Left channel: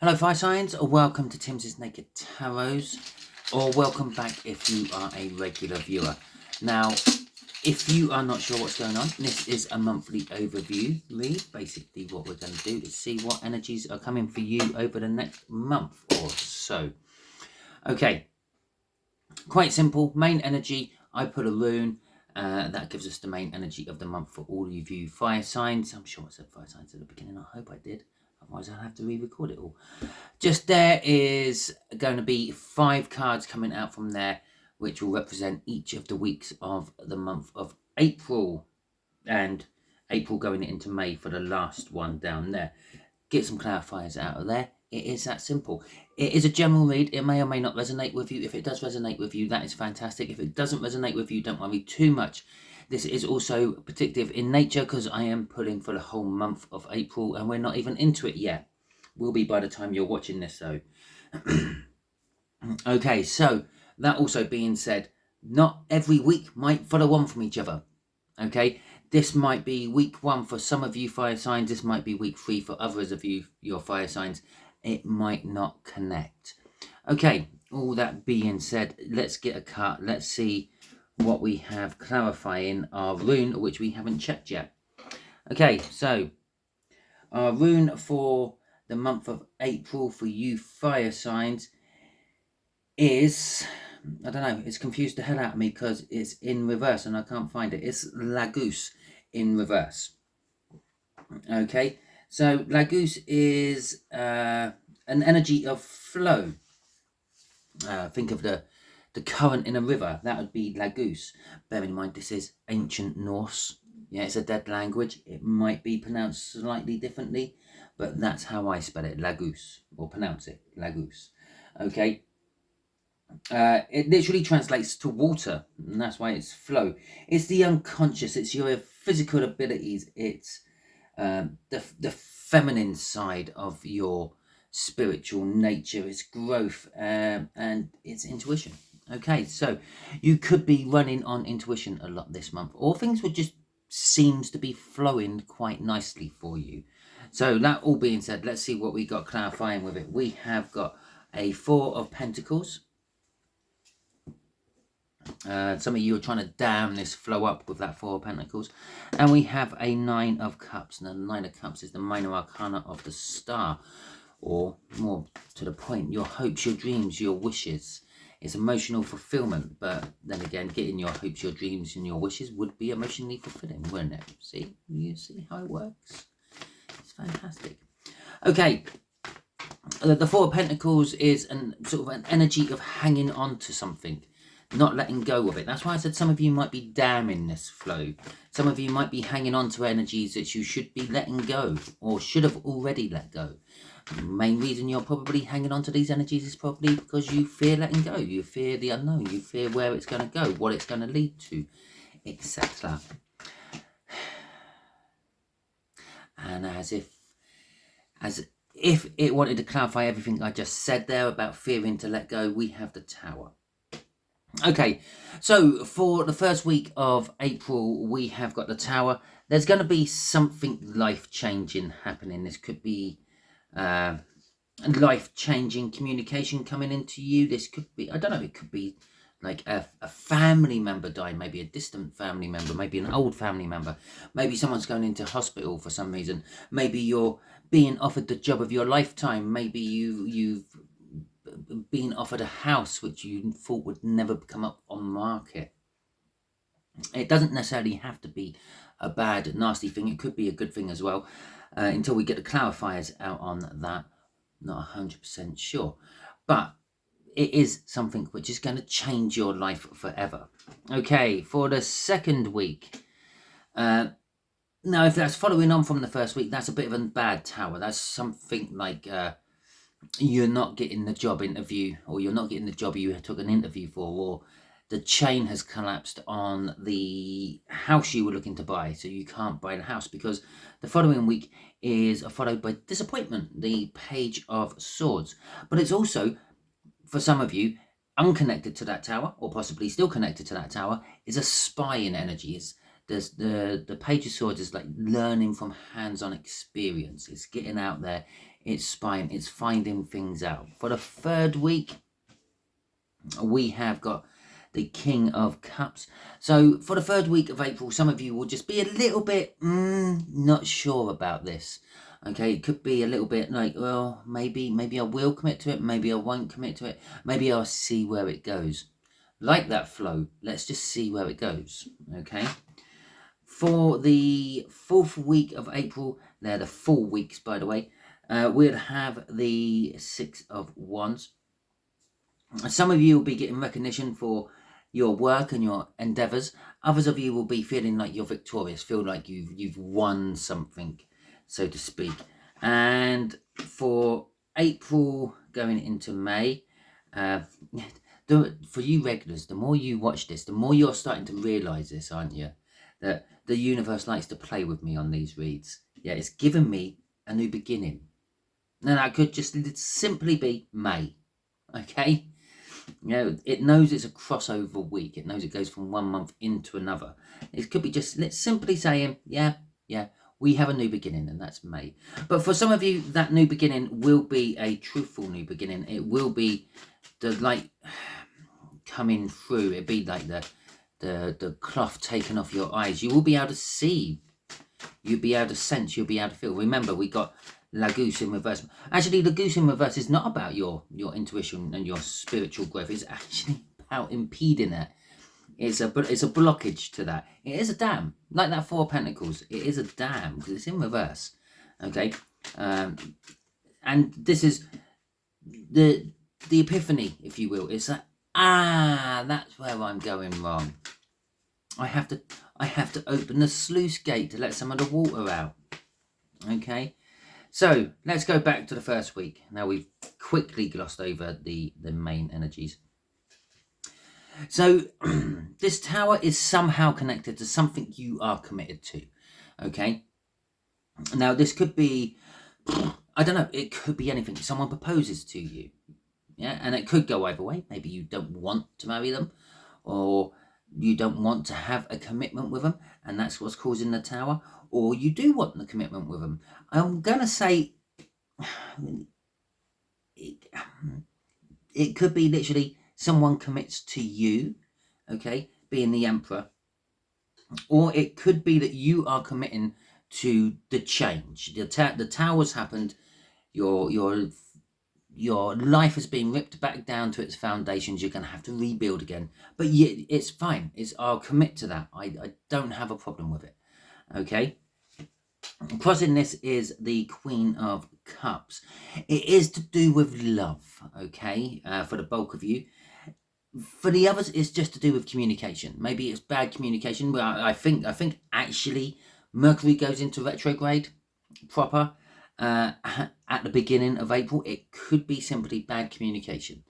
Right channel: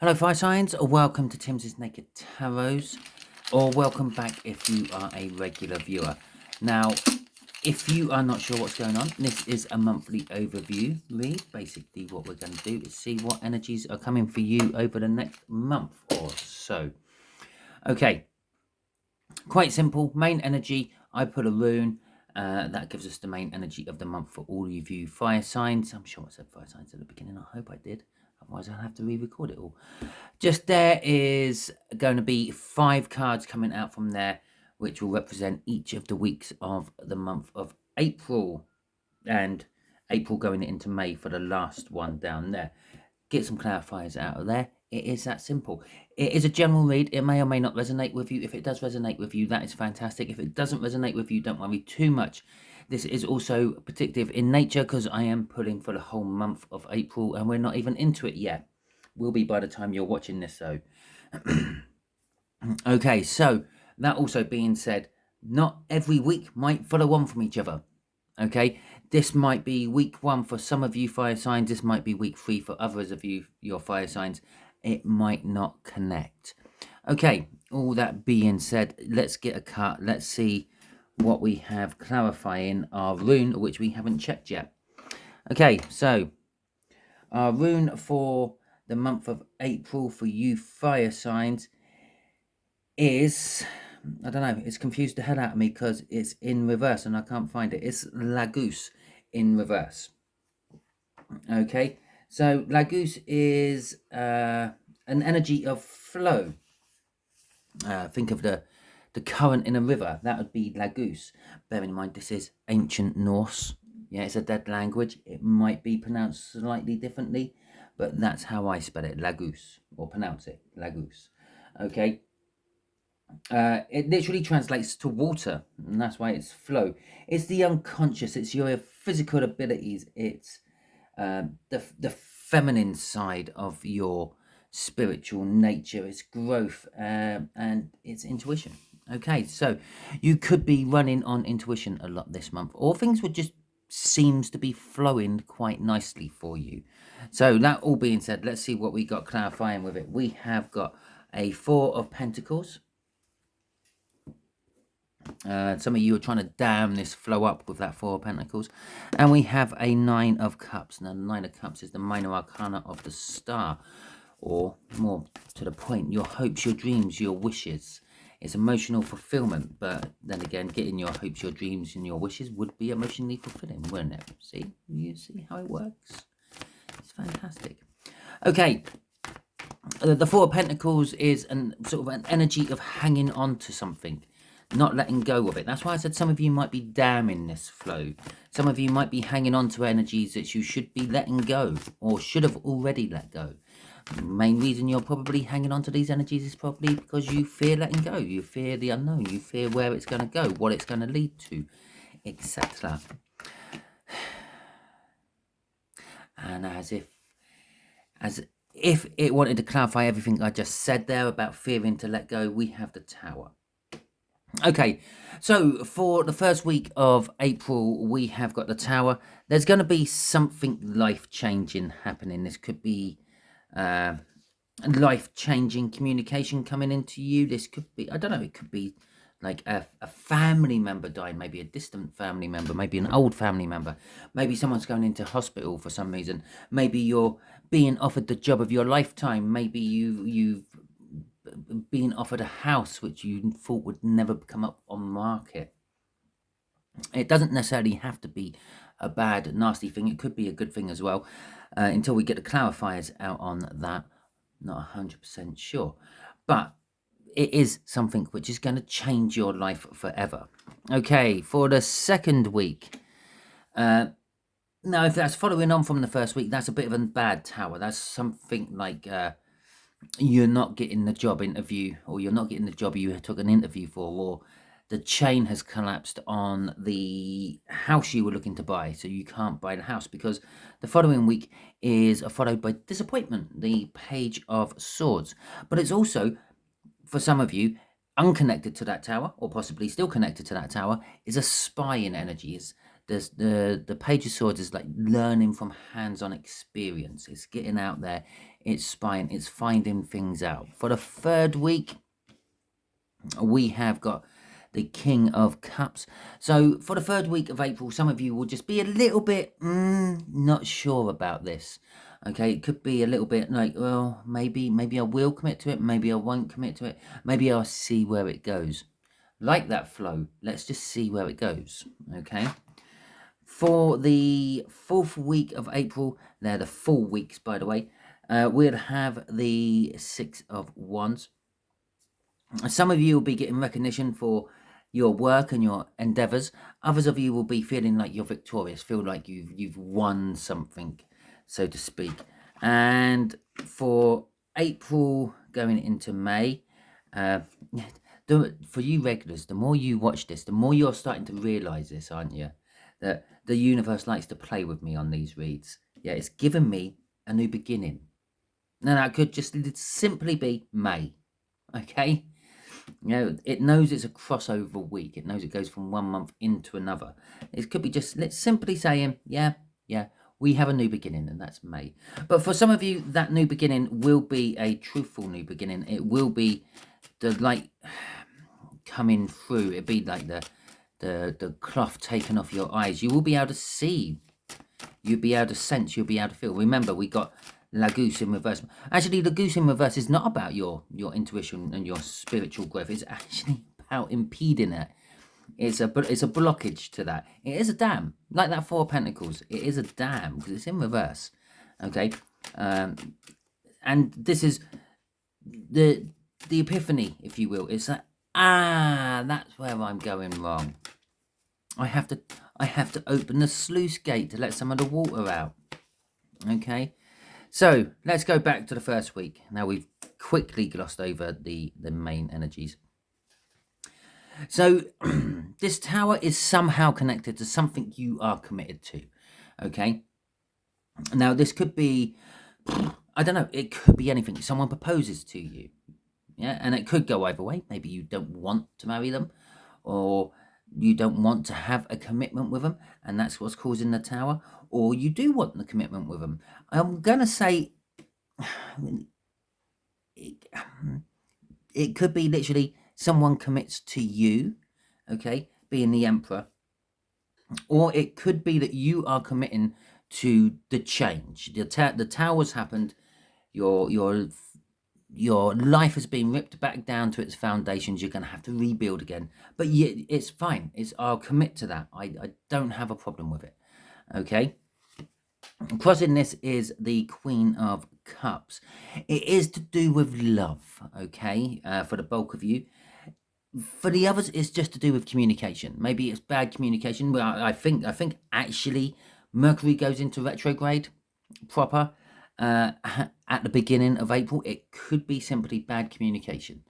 Hello fire signs, or welcome to Timsy Naked Tarot, or welcome back if you are a regular viewer. Now, if you are not sure what's going on, this is a monthly overview read. Basically what we're going to do is see what energies are coming for you over the next month or so. Okay, quite simple. Main energy, I put a rune. That gives us the main energy of the month for all of you fire signs. I'm sure I said fire signs at the beginning. I hope I did. Otherwise, I'll have to re-record it all. Just there is going to be 5 cards coming out from there, which will represent each of the weeks of the month of April. And April going into May for the last one down there. Get some clarifiers out of there. It is that simple. It is a general read. It may or may not resonate with you. If it does resonate with you, that is fantastic. If it doesn't resonate with you, don't worry too much. This is also predictive in nature because I am pulling for the whole month of April and we're not even into it yet. Will be by the time you're watching this though. Okay, so that also being said, not every week might follow on from each other. Okay, this might be week 1 for some of you fire signs. This might be week 3 for others of you, your fire signs. It might not connect. Okay, all that being said, let's get a cut. Let's see what we have clarifying our rune, which we haven't checked yet. Okay, so our rune for the month of April for you fire signs is, I don't know, it's confused the hell out of me because it's in reverse and I can't find it. It's Lagoose in reverse. Okay, so Lagoose is an energy of flow. Think of the current in a river. That would be Lagoose. Bear in mind this is ancient Norse. Yeah, it's a dead language. It might be pronounced slightly differently, but that's how I spell it, Lagoose, or pronounce it, Lagoose. Okay. It literally translates to water, and that's why it's flow. It's the unconscious. It's your physical abilities. It's the feminine side of your spiritual nature. It's growth and it's intuition. Okay, so you could be running on intuition a lot this month, or things would just seems to be flowing quite nicely for you. So that all being said, let's see what we got clarifying with it. We have got a 4 of Pentacles. Some of you are trying to dam this flow up with that 4 of Pentacles. And we have a 9 of Cups. Now, the 9 of Cups is the minor arcana of the star. Or, more to the point, your hopes, your dreams, your wishes. It's emotional fulfillment. But then again, getting your hopes, your dreams, and your wishes would be emotionally fulfilling, wouldn't it? See? You see how it works? It's fantastic. Okay. The 4 of Pentacles is sort of an energy of hanging on to something. Not letting go of it. That's why I said some of you might be damming this flow. Some of you might be hanging on to energies that you should be letting go or should have already let go. The main reason you're probably hanging on to these energies is probably because you fear letting go. You fear the unknown. You fear where it's going to go, what it's going to lead to, etc. And as if it wanted to clarify everything I just said there about fearing to let go, we have the Tower. Okay, so for the first week of April, we have got the Tower. There's going to be something life-changing happening. This could be life-changing communication coming into you. This could be, I don't know, it could be like a family member dying, maybe a distant family member, maybe an old family member. Maybe someone's going into hospital for some reason. Maybe you're being offered the job of your lifetime. Maybe you've being offered a house which you thought would never come up on market. It doesn't necessarily have to be a bad, nasty thing. It could be a good thing as well. Until we get the clarifiers out on that, not 100% sure. But it is something which is going to change your life forever. Okay, for the second week. Now, if that's following on from the first week, that's a bit of a bad Tower. That's something like you're not getting the job interview, or you're not getting the job you took an interview for, or the chain has collapsed on the house you were looking to buy, so you can't buy the house, because the following week is followed by disappointment, the Page of Swords. But it's also, for some of you, unconnected to that Tower, or possibly still connected to that Tower, is a spying energy. The Page of Swords is like learning from hands-on experience. It's getting out there. it's spying, it's finding things out. For the third week, we have got the King of Cups. So for the third week of April, some of you will just be a little bit not sure about this. Okay, it could be a little bit like, well, maybe I will commit to it, maybe I won't commit to it, maybe I'll see where it goes. Like that flow, let's just see where it goes. Okay, for the fourth week of April, they're the full weeks, by the way, we'll have the Six of Wands. Some of you will be getting recognition for your work and your endeavors. Others of you will be feeling like you're victorious, feel like you've won something, so to speak. And for April going into May, for you regulars, the more you watch this, the more you're starting to realize this, aren't you? That the universe likes to play with me on these reads. Yeah, it's given me a new beginning. Now that could just simply be May. Okay, you know, it knows it's a crossover week. It knows it goes from one month into another. It could be just, let's simply saying, yeah, we have a new beginning, and that's May. But for some of you, that new beginning will be a truthful new beginning. It will be the light coming through. It'll be like the cloth taken off your eyes. You will be able to see. You'll be able to sense. You'll be able to feel. Remember, we got La Goose in reverse. Actually, the Goose in reverse is not about your intuition and your spiritual growth. It's actually about impeding it. It's a blockage to that. It is a dam, like that Four of Pentacles. It is a dam because it's in reverse. Okay, and this is the epiphany, if you will. It's like, that's where I'm going wrong. I have to open the sluice gate to let some of the water out. Okay. So let's go back to the first week. Now we've quickly glossed over the main energies. So this tower is somehow connected to something you are committed to. Okay. Now this could be, I don't know, it could be anything. Someone proposes to you. Yeah, and it could go either way. Maybe you don't want to marry them, or you don't want to have a commitment with them, and that's what's causing the tower. Or you do want the commitment with them. I'm going to say it could be literally someone commits to you, okay, being the Emperor. Or it could be that you are committing to the change. The tower's happened. Your life has been ripped back down to its foundations. You're going to have to rebuild again. But yeah, it's fine. I'll commit to that. I don't have a problem with it. Okay. Crossing this is the Queen of Cups. It is to do with love, okay, for the bulk of you. For the others, it's just to do with communication. Maybe it's bad communication. Well, I think actually Mercury goes into retrograde proper at the beginning of April. It could be simply bad communication.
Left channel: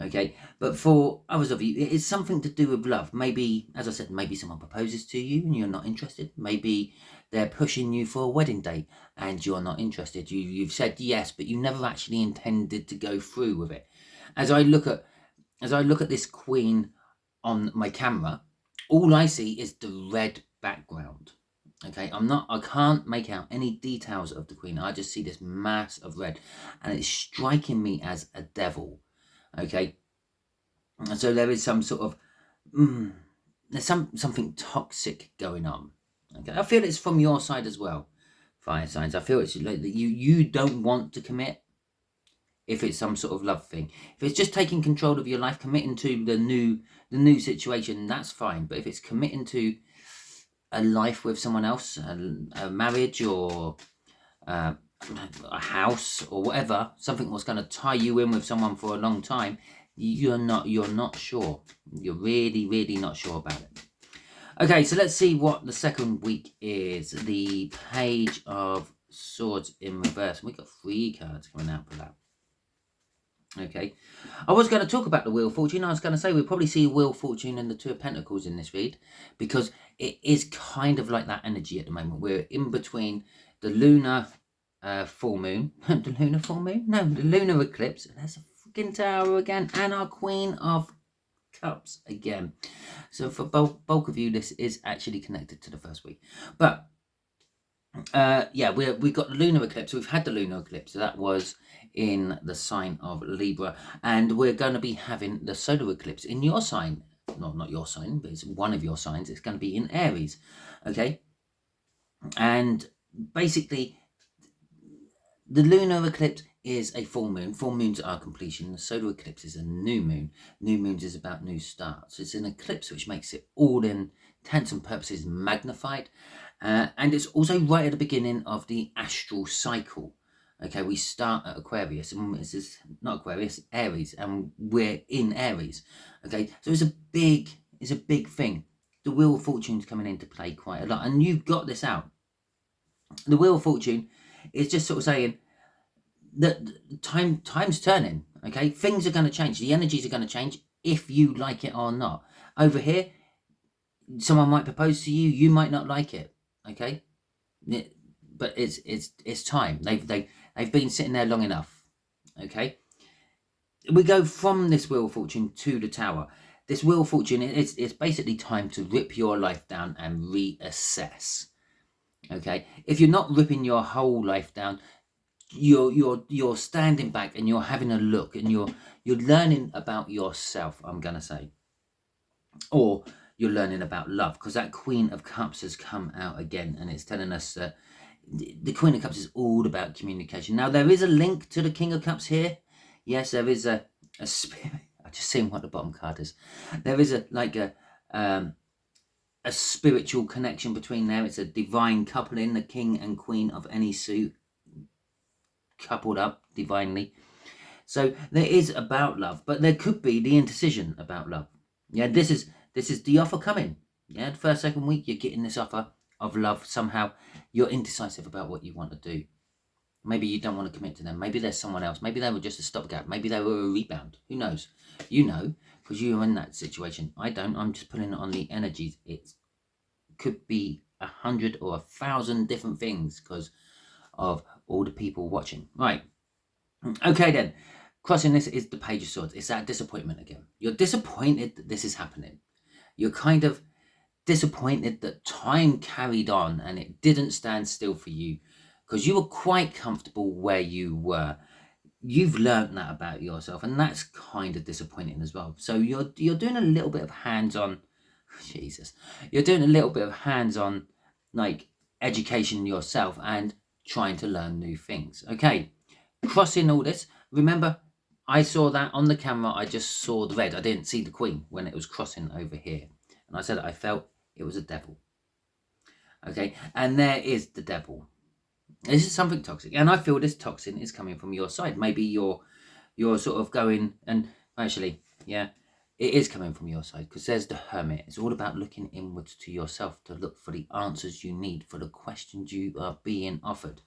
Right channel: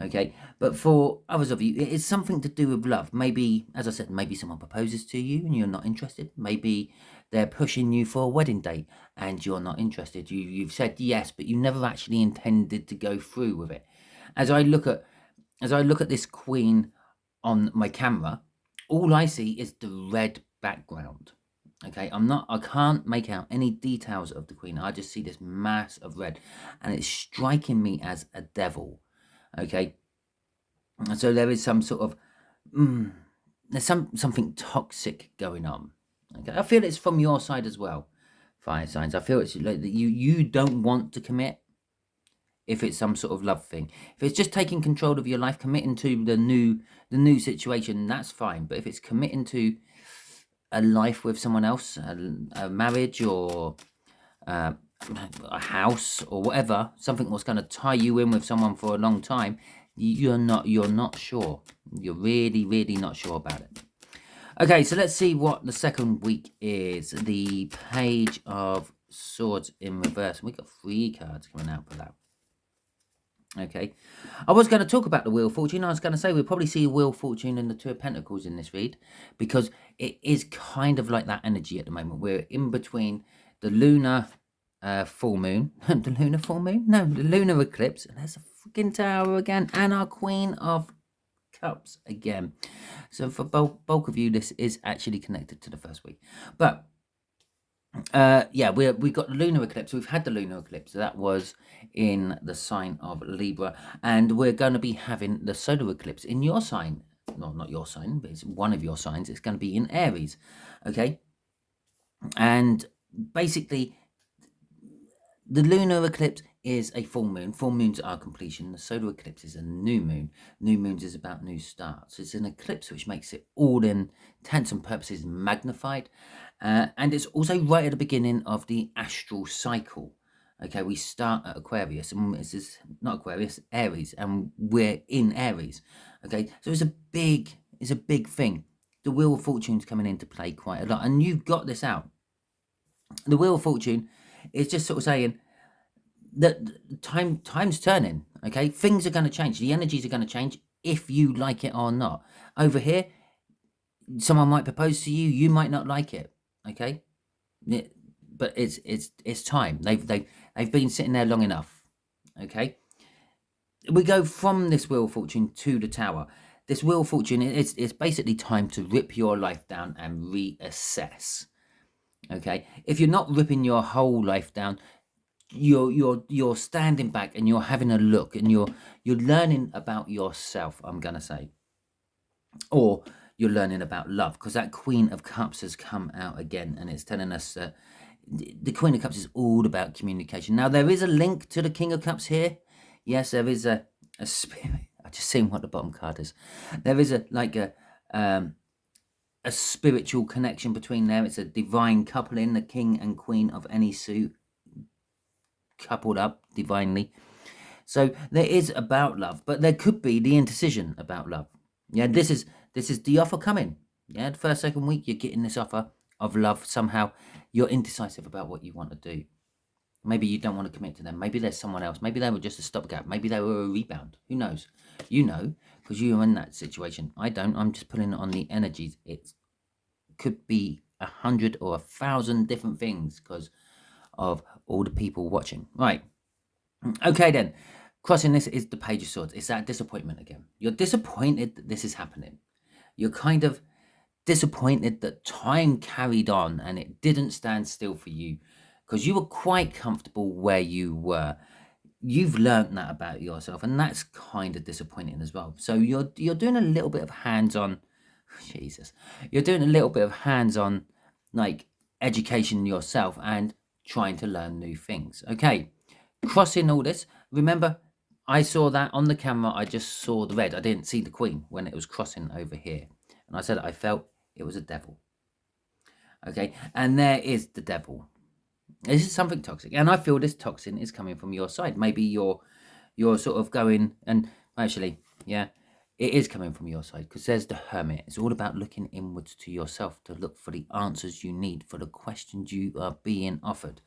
Okay, but for others of you, it is something to do with love. Maybe, as I said, maybe someone proposes to you and you're not interested. Maybe they're pushing you for a wedding date and you're not interested. You've said yes, but you never actually intended to go through with it. As I look at this queen on my camera, all I see is the red background. Okay, I can't make out any details of the queen. I just see this mass of red, and it's striking me as a devil. Okay, so there is some sort of there's something toxic going on. Okay, I feel it's from your side as well, fire signs. I feel it's like that you don't want to commit. If it's some sort of love thing, if it's just taking control of your life, committing to the new situation, that's fine. But if it's committing to a life with someone else, a marriage, or a house, or whatever, something that's going to tie you in with someone for a long time, you're not sure. You're really not sure about it. Okay, so let's see what the second week is. The Page of Swords in reverse. We got 3 cards coming out for that. Okay, I was going to talk about the Wheel of Fortune. I was going to say we'll probably see a Wheel of Fortune and the Two of Pentacles in this read, because it is kind of like that energy at the moment. We're in between the lunar full moon, the lunar full moon? No, the lunar eclipse. And there's a freaking tower again, and our Queen of Cups again. So for bulk of you, this is actually connected to the first week. But Yeah, we got the lunar eclipse. We've had the lunar eclipse. That was in the sign of Libra, and we're going to be having the solar eclipse in your sign. No, not your sign, but it's one of your signs. It's going to be in Aries. Okay, and basically, the lunar eclipse is a full moon. Full moons are completion. The solar eclipse is a new moon. New moons is about new starts. It's an eclipse which makes it all in intents and purposes magnified. And it's also right at the beginning of the astral cycle. Okay, we start at Aquarius, and this is not Aquarius, Aries, and we're in Aries. Okay, so it's a big thing. The Wheel of Fortune's coming into play quite a lot, and you've got this out. The Wheel of Fortune is just sort of saying that time's turning. Okay, things are going to change. The energies are going to change if you like it or not. Over here, someone might propose to you, you might not like it. Okay, but it's time. They've been sitting there long enough. Okay, we go from this Wheel of Fortune to the Tower. This Wheel of Fortune, it's basically time to rip your life down and reassess. Okay, if you're not ripping your whole life down, you're standing back and you're having a look, and you're learning about yourself, I'm gonna say, or you're learning about love, because that Queen of Cups has come out again, and it's telling us that the Queen of Cups is all about communication. Now, there is a link to the King of Cups here. Yes, there is a spirit. I just seen what the bottom card is. There is a spiritual connection between there. It's a divine coupling, the King and Queen of any suit coupled up divinely. So there is about love, but there could be the indecision about love. Yeah, this is the offer coming. Yeah, the first, second week, you're getting this offer of love. Somehow you're indecisive about what you want to do. Maybe you don't want to commit to them. Maybe there's someone else. Maybe they were just a stopgap. Maybe they were a rebound. Who knows? You know, because you are in that situation. I don't. I'm just pulling it on the energies. It could be 100 or 1,000 different things because of all the people watching. Right. Okay then. Crossing this is the Page of Swords. It's that disappointment again. You're disappointed that this is happening. You're kind of disappointed that time carried on and it didn't stand still for you, because you were quite comfortable where you were. You've learned that about yourself, and that's kind of disappointing as well. So you're doing a little bit of hands-on. Jesus, you're doing a little bit of hands-on, like, education yourself and trying to learn new things. Okay, crossing all this. Remember, I saw that on the camera. I just saw the red. I didn't see the Queen when it was crossing over here, and I said I felt it was a devil. Okay, and there is the devil. This is something toxic, and I feel this toxin is coming from your side. Maybe you're sort of going, and actually, yeah, it is coming from your side, because there's the Hermit. It's all about looking inwards to yourself to look for the answers you need for the questions you are being offered.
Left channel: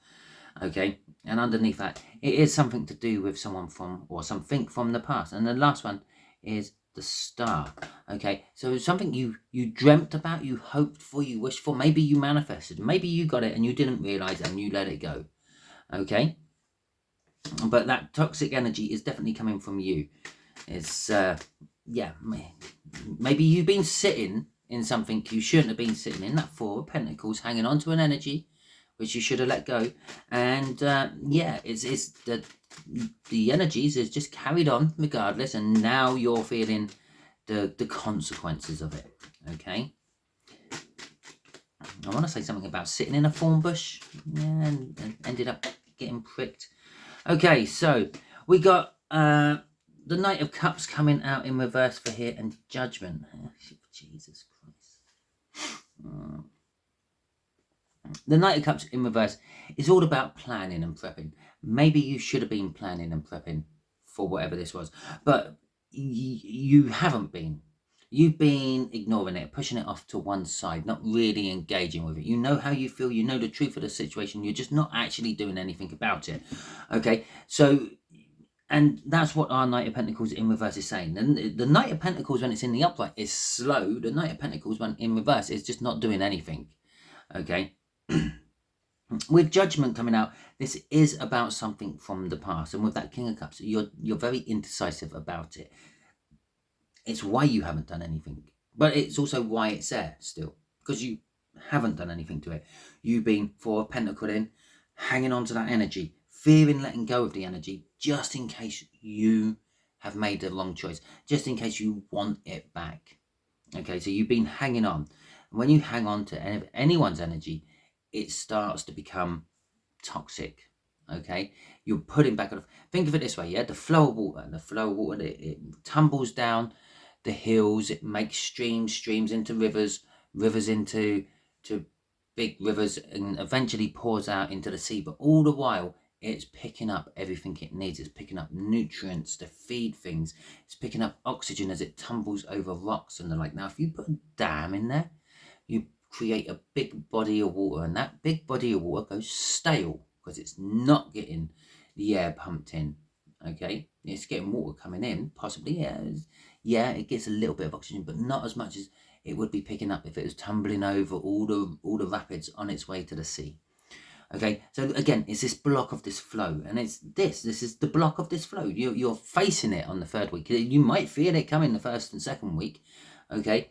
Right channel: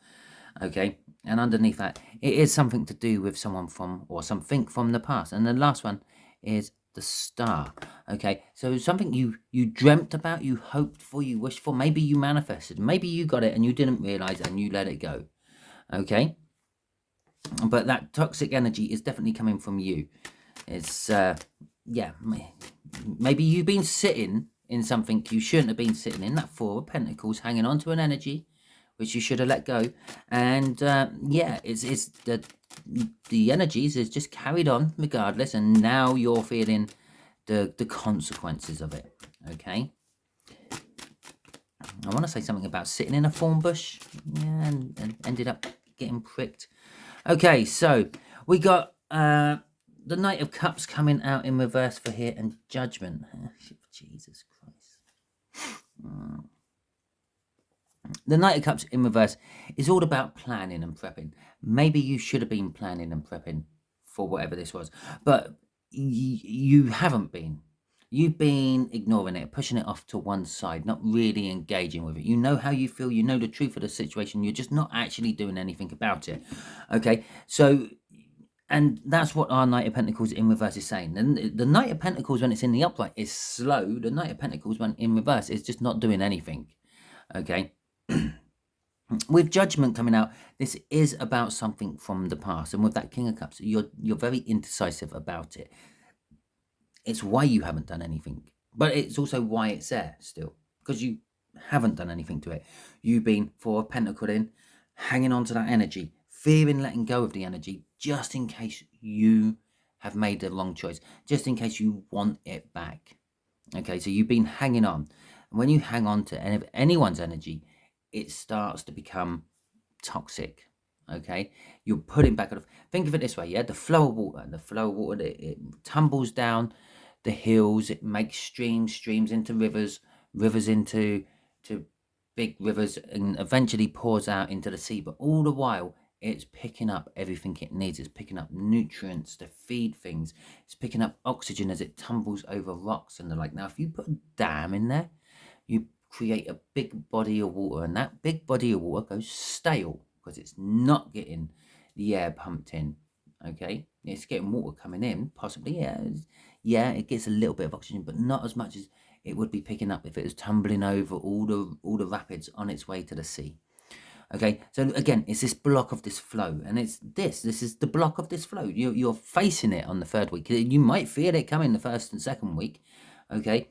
Okay, and underneath that, it is something to do with someone from, or something from the past. And the last one is the Star. Okay, so something you dreamt about, you hoped for, you wished for, maybe you manifested, maybe you got it and you didn't realize it and you let it go. Okay, but that toxic energy is definitely coming from you. It's yeah, maybe you've been sitting in something you shouldn't have been sitting in. That Four of Pentacles, hanging on to an energy which you should have let go. And yeah, it's the energies is just carried on regardless, and now you're feeling the consequences of it. Okay, I want to say something about sitting in a thorn bush, yeah, and ended up getting pricked. Okay, so we got the Knight of Cups coming out in reverse for here, and Judgment. Jesus Christ. The Knight of Cups in reverse is all about planning and prepping. Maybe you should have been planning and prepping for whatever this was, but you haven't been. You've been ignoring it, pushing it off to one side, not really engaging with it. You know how you feel, you know the truth of the situation, you're just not actually doing anything about it. Okay, so, and that's what our Knight of Pentacles in reverse is saying. And the Knight of Pentacles, when it's in the upright, is slow. The Knight of Pentacles, when in reverse, is just not doing anything. Okay. With Judgment coming out, this is about something from the past, and with that King of Cups, you're very indecisive about it. It's why you haven't done anything, but it's also why it's there still, because you haven't done anything to it. You've been 4 of Pentacles in, hanging on to that energy, fearing letting go of the energy, just in case you have made the wrong choice, just in case you want it back. Okay, so you've been hanging on. And when you hang on to anyone's energy, it starts to become toxic. Okay, you're putting back on. Think of it this way, yeah, the flow of water, it tumbles down the hills, it makes streams into rivers into big rivers, and eventually pours out into the sea. But all the while, it's picking up everything it needs. It's picking up nutrients to feed things. It's picking up oxygen as it tumbles over rocks and the like. Now, if you put a dam in there, you create a big body of water, and that big body of water goes stale because it's not getting the air pumped in. Okay, it's getting water coming in, possibly. Yeah, it gets a little bit of oxygen, but not as much as it would be picking up if it was tumbling over all the rapids on its way to the sea. Okay, so again, it's this block of this flow, and this is the block of this flow. You're facing it on the 3rd week. You might feel it coming the 1st and 2nd week. Okay,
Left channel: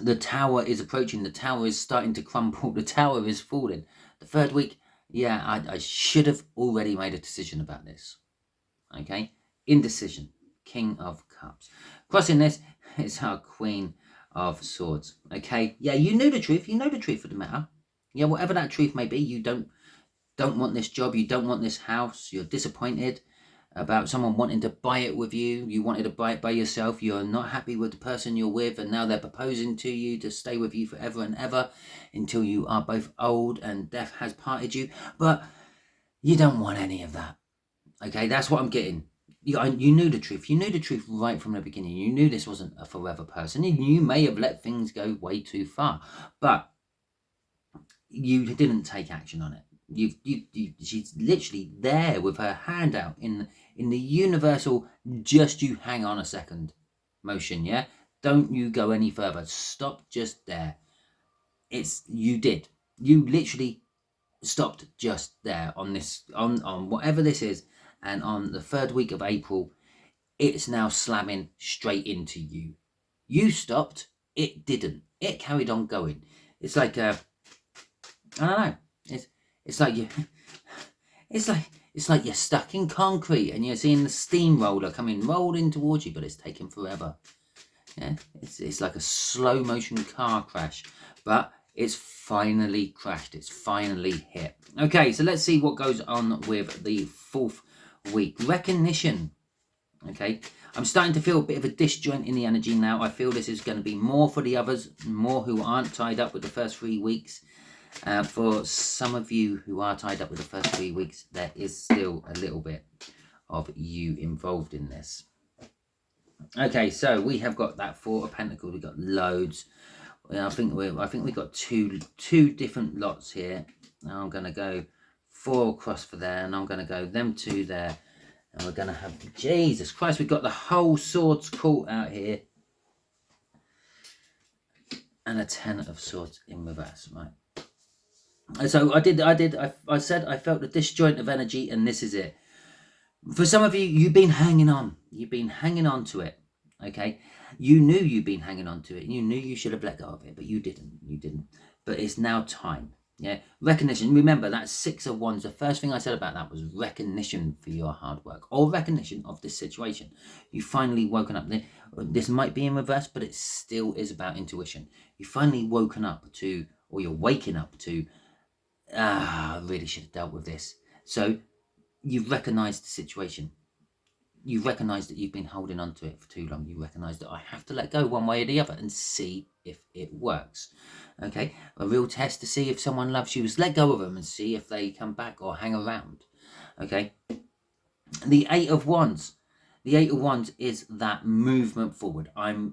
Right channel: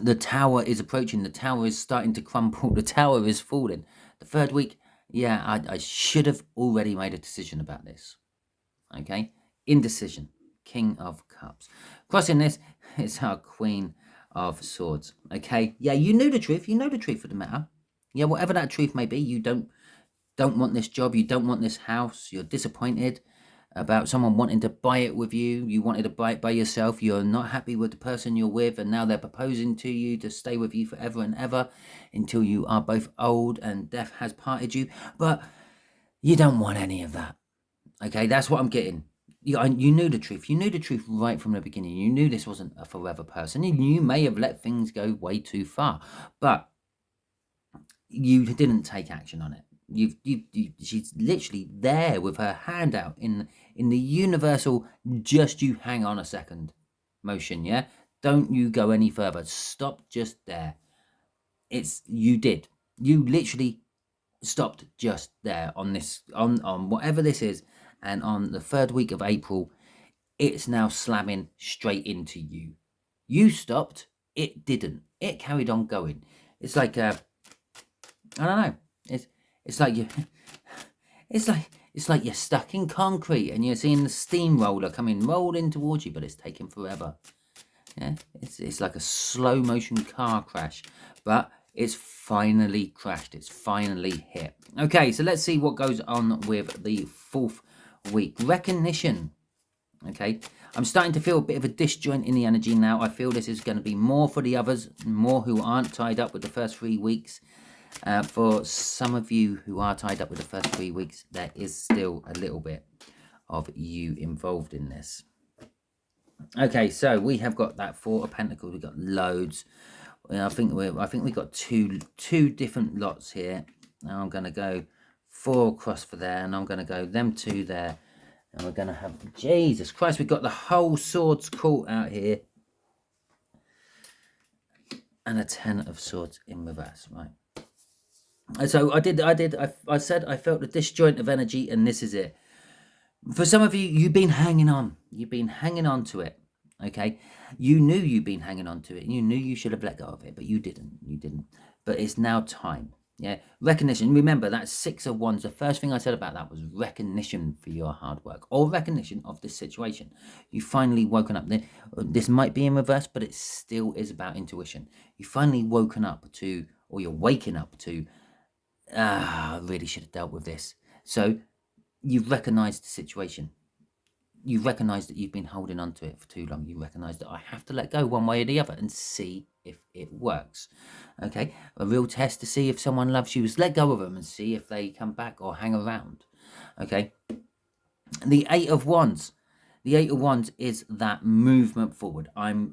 the tower is approaching, the tower is starting to crumble, the tower is falling. The 3rd week, yeah, I should have already made a decision about this. Okay, indecision, King of Cups. Crossing this is our Queen of Swords. Okay, yeah, you know the truth of the matter. Yeah, whatever that truth may be, you don't want this job, you don't want this house, you're disappointed about someone wanting to buy it with you, you wanted to buy it by yourself, you're not happy with the person you're with, and now they're proposing to you to stay with you forever and ever until you are both old and death has parted you. But you don't want any of that. Okay, that's what I'm getting. You knew the truth. You knew the truth right from the beginning. You knew this wasn't a forever person, and you may have let things go way too far, but you didn't take action on it. She's literally there with her hand out in the universal just you hang on a second motion. Yeah, don't you go any further. Stop just there. You literally stopped just there on this, on whatever this is, and on the 3rd week of April, it's now slamming straight into you. You stopped, it didn't. It carried on going. It's like I don't know. It's like you. It's like you're stuck in concrete and you're seeing the steamroller coming rolling towards you, but it's taking forever. Yeah, it's like a slow motion car crash, but it's finally crashed. It's finally hit. Okay, so let's see what goes on with the 4th week. Recognition. Okay, I'm starting to feel a bit of a disjoint in the energy now. I feel this is going to be more for the others, more who aren't tied up with the first 3 weeks. For some of you who are tied up with the first 3 weeks, there is still a little bit of you involved in this. Okay, so we have got that 4 of Pentacles. We've got loads. I think we've got two different lots here. Now I'm going to go 4 across for there, and I'm going to go them 2 there, and we're going to have, Jesus Christ, we've got the whole Swords court out here, and a 10 of Swords in reverse, right? So I said I felt the disjoint of energy, and this is it. For some of you, you've been hanging on. You've been hanging on to it. Okay, you knew you've been hanging on to it, and you knew you should have let go of it, but you didn't. But it's now time. Yeah, recognition. Remember that 6 of Wands. The first thing I said about that was recognition for your hard work, or recognition of this situation. You finally woken up. This might be in reverse, but it still is about intuition. You finally woken up to, or you're waking up to, I really should have dealt with this. So you've recognized the situation. You've recognized that you've been holding on to it for too long. You recognize that I have to let go one way or the other and see if it works. Okay, a real test to see if someone loves you is let go of them and see if they come back or hang around. Okay, the 8 of Wands. The 8 of Wands is that movement forward. I'm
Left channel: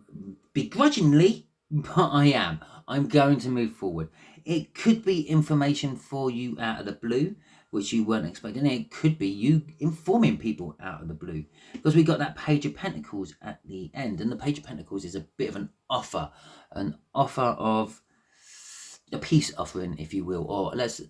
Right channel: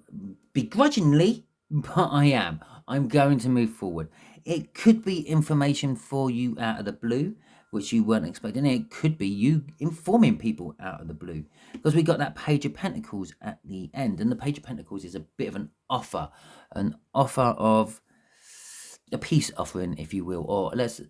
begrudgingly, but I am. I'm going to move forward. It could be information for you out of the blue, which you weren't expecting. It could be you informing people out of the blue, because we got that Page of Pentacles at the end, and the Page of Pentacles is a bit of an offer of a peace offering, if you will, or let's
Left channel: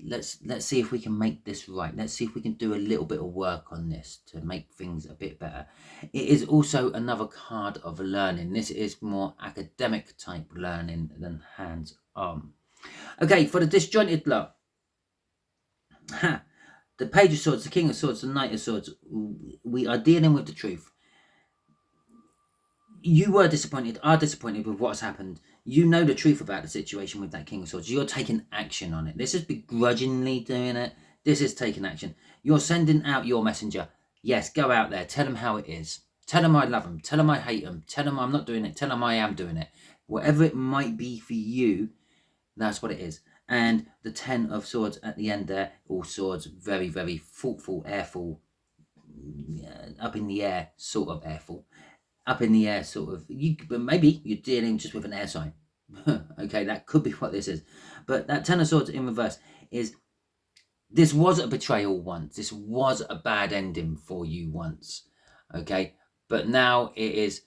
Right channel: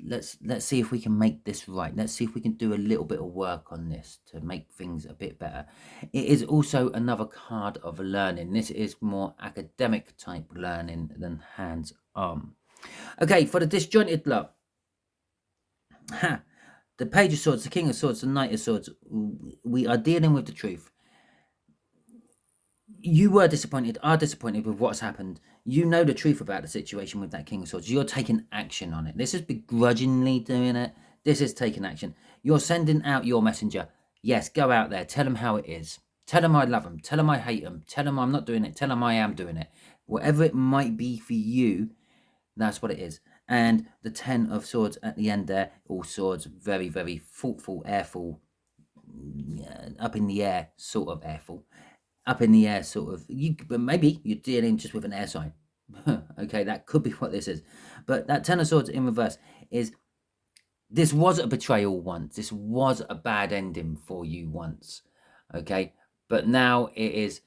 see if we can make this right. Let's see if we can do a little bit of work on this to make things a bit better. It is also another card of learning. This is more academic type learning than hands Okay, for the disjointed love. The Page of Swords, the King of Swords, the Knight of Swords. We are dealing with the truth. You were disappointed, are disappointed with what's happened. You know the truth about the situation with that King of Swords. You're taking action on it. This is begrudgingly doing it. This is taking action. You're sending out your messenger. Yes, go out there. Tell them how it is. Tell them I love them. Tell them I hate them. Tell them I'm not doing it. Tell them I am doing it. Whatever it might be for you, that's what it is. And the 10 of Swords at the end there, all swords, very, very thoughtful, airful, up in the air, sort of airful. Up in the air, sort of. But maybe you're dealing just with an air sign. Okay, that could be what this is. But that 10 of Swords in reverse is, this was a betrayal once. This was a bad ending for you once. Okay, but now it is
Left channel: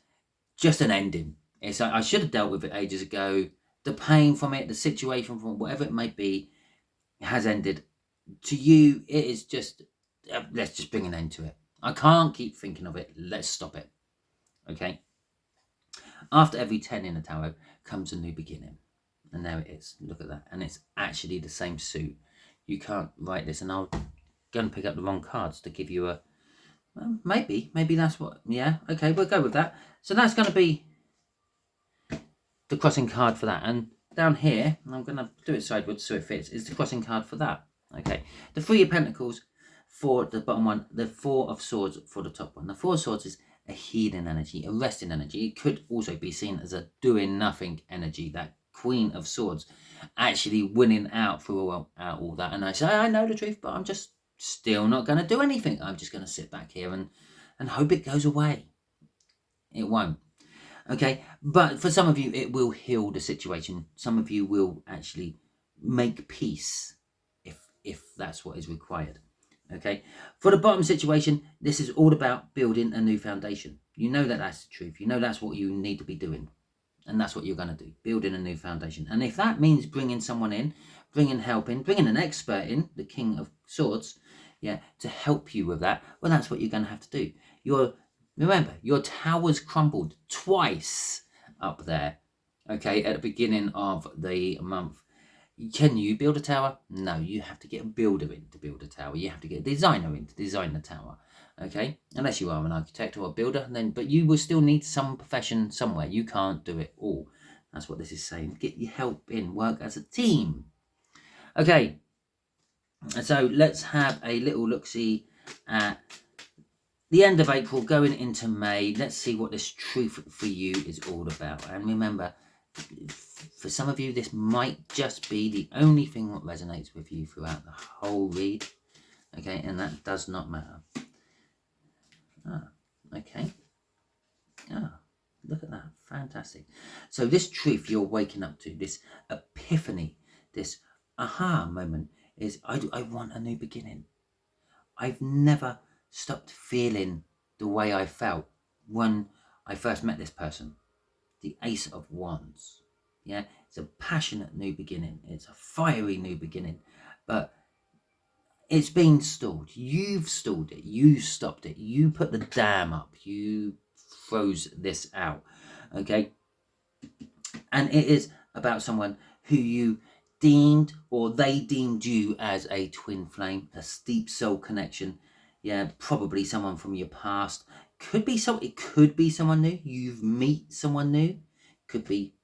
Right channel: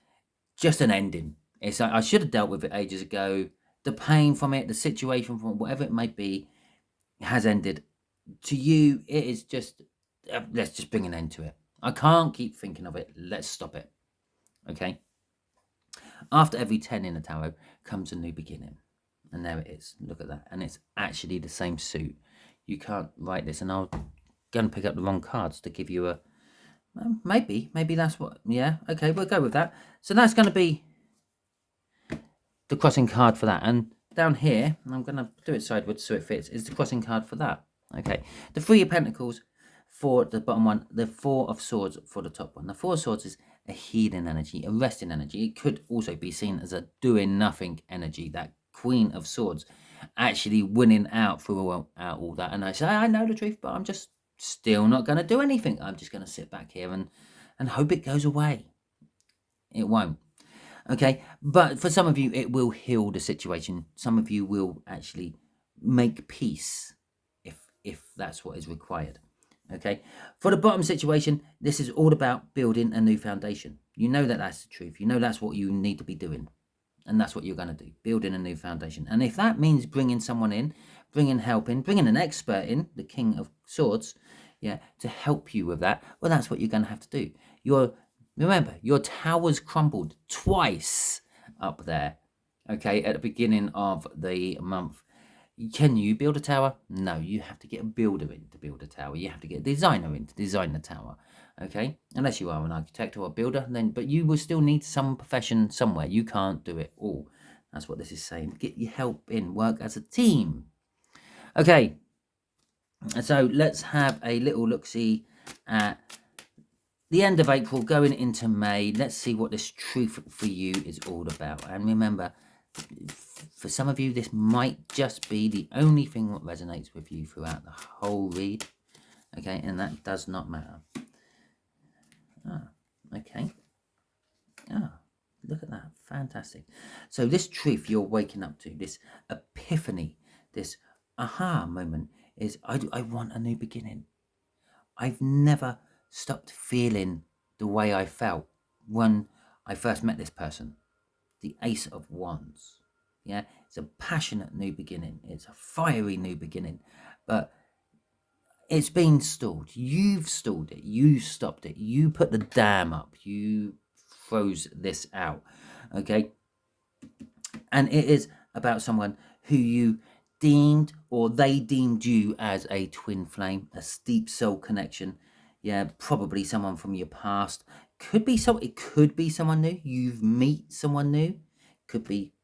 just an ending. It's I should have dealt with it ages ago. The pain from it, the situation from whatever it may be, has ended. To you, it is just, let's just bring an end to it. I can't keep thinking of it. Let's stop it. Okay. After every 10 in a tarot comes a new beginning. And there it is. Look at that. And it's actually the same suit. You can't write this. And I'll go and pick up the wrong cards to give you a... Well, maybe that's what... Yeah, okay, we'll go with that. So that's going to be the crossing card for that. And down here, and I'm going to do it sideways so it fits, is the crossing card for that. Okay. The 3 of Pentacles for the bottom one. The 4 of Swords for the top one. The 4 of Swords is a healing energy, a resting energy. It could also be seen as a doing nothing energy. That Queen of Swords actually winning out through all that. And I say, I know the truth, but I'm just still not going to do anything. I'm just going to sit back here and hope it goes away. It won't. Okay, but for some of you, it will heal the situation. Some of you will actually make peace if that's what is required. Okay, for the bottom situation, this is all about building a new foundation. You know that that's the truth. You know that's what you need to be doing. And that's what you're going to do, building a new foundation. And if that means bringing someone in, bringing help in, bringing an expert in, the King of Swords, yeah, to help you with that, well, that's what you're going to have to do. Remember, your tower's crumbled twice up there, okay, at the beginning of the month. Can you build a tower? No, you have to get a builder in to build a tower. You have to get a designer in to design the tower. Okay, unless you are an architect or a builder, but you will still need some profession somewhere. You can't do it all. That's what this is saying. Get your help in. Work as a team. Okay, so let's have a little look-see at the end of April going into May. Let's see what this truth for you is all about. And remember, for some of you, this might just be the only thing that resonates with you throughout the whole read. Okay, and that does not matter. Okay. Look at that. Fantastic. So this truth you're waking up to, this epiphany, this aha moment is, I want a new beginning. I've never stopped feeling the way I felt when I first met this person. The Ace of Wands. Yeah, it's a passionate new beginning. It's a fiery new beginning. But it's been stalled. You've stalled it. You stopped it. You put the dam up. You froze this out. Okay? And it is about someone who you deemed, or they deemed you as a twin flame, a steep soul connection. Yeah, probably someone from your past. It could be someone new. You've met someone new. Could be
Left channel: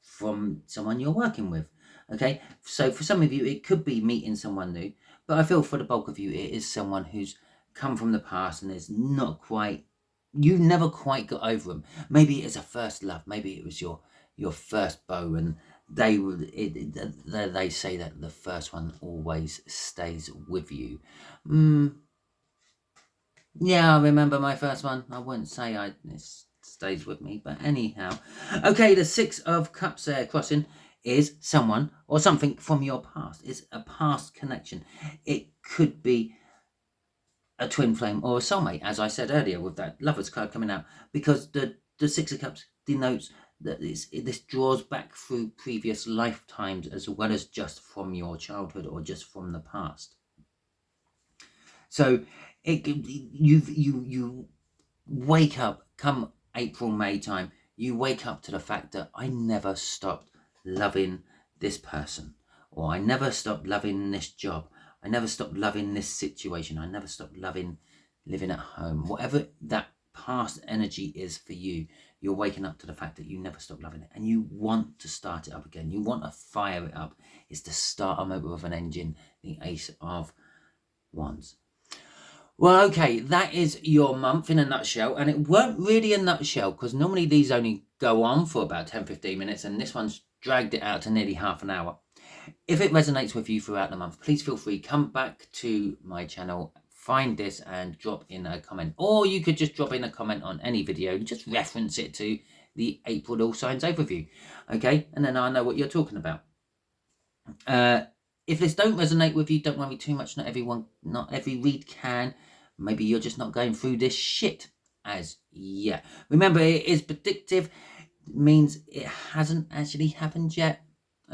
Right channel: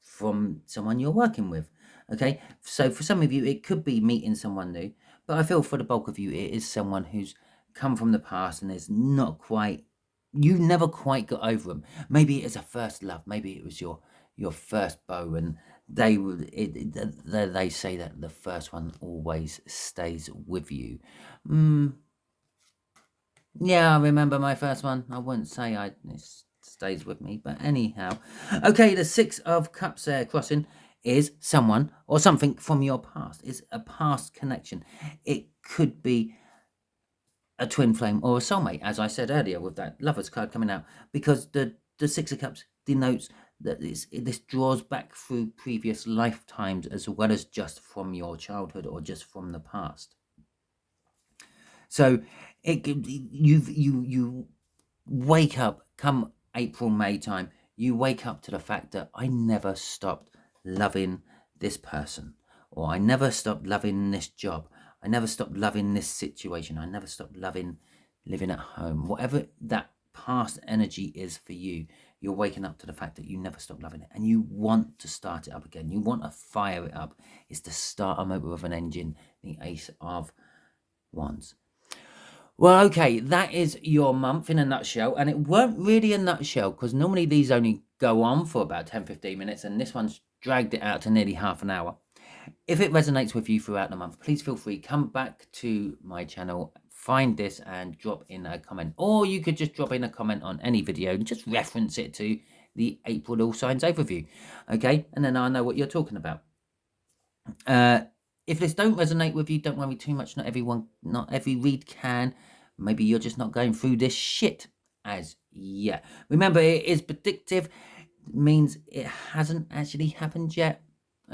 from someone you're working with. Okay? So for some of you, it could be meeting someone new. But I feel for the bulk of you, it is someone who's come from the past and is not quite, you never quite got over them. Maybe it's a first love. Maybe it was your first beau, and they say that the first one always stays with you. Yeah, I remember my first one. I wouldn't say it stays with me, but anyhow. Okay, the 6 of Cups there crossing is someone or something from your past. It's a past connection. It could be a twin flame or a soulmate, as I said earlier with that Lovers card coming out, because the 6 of Cups denotes that this draws back through previous lifetimes as well as just from your childhood or just from the past. So you wake up come April, May time, you wake up to the fact that I never stopped loving this person, or I never stopped loving this job, I never stopped loving this situation, I never stopped loving living at home. Whatever that past energy is for you, you're waking up to the fact that you never stopped loving it and you want to start it up again. You want to fire it up. It's to start a motor with an engine, the Ace of Wands. Well, okay, that is your month in a nutshell, and it weren't really a nutshell because normally these only go on for about 10-15 minutes, and this one's dragged it out to nearly half an hour. If it resonates with you throughout the month, please feel free, come back to my channel, find this and drop in a comment, or you could just drop in a comment on any video and just reference it to the April All Signs overview, okay, and then I know what you're talking about. If this don't resonate with you, don't worry too much. Not every read can. Maybe you're just not going through this shit as yet. Remember, it is predictive. Means it hasn't actually happened yet.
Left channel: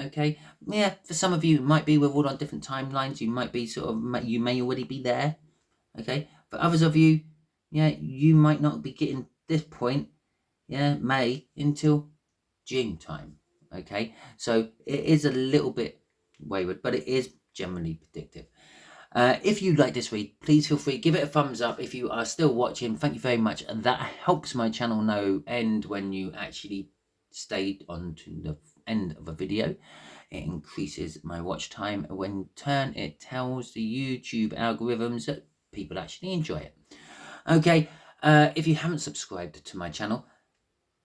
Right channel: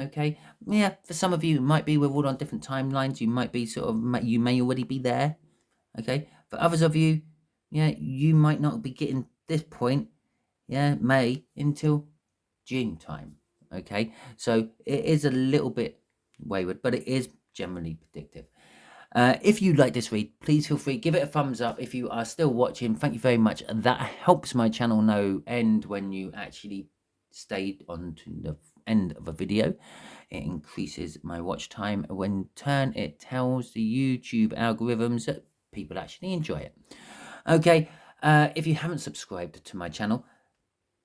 Okay, yeah, for some of you it might be. We're all on different timelines. You might be you may already be there. Okay, for others of you, yeah, you might not be getting this point, yeah, May until June time. Okay, so it is a little bit wayward, but it is generally predictive. If you like this read, please feel free, give it a thumbs up. If you are still watching, thank you very much. And that helps my channel know end when you actually stayed on to the end of a video. It increases my watch time. When in turn, it tells the YouTube algorithms that people actually enjoy it. Okay, if you haven't subscribed to my channel,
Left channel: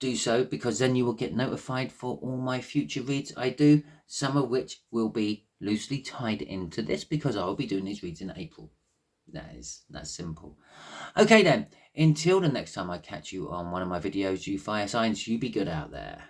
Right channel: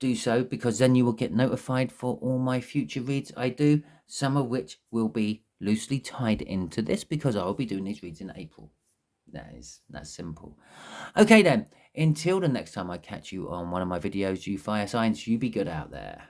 do so, because then you will get notified for all my future reads I do, some of which will be loosely tied into this because I will be doing these reads in April. That's simple. Okay then, until the next time I catch you on one of my videos, you fire signs, you be good out there.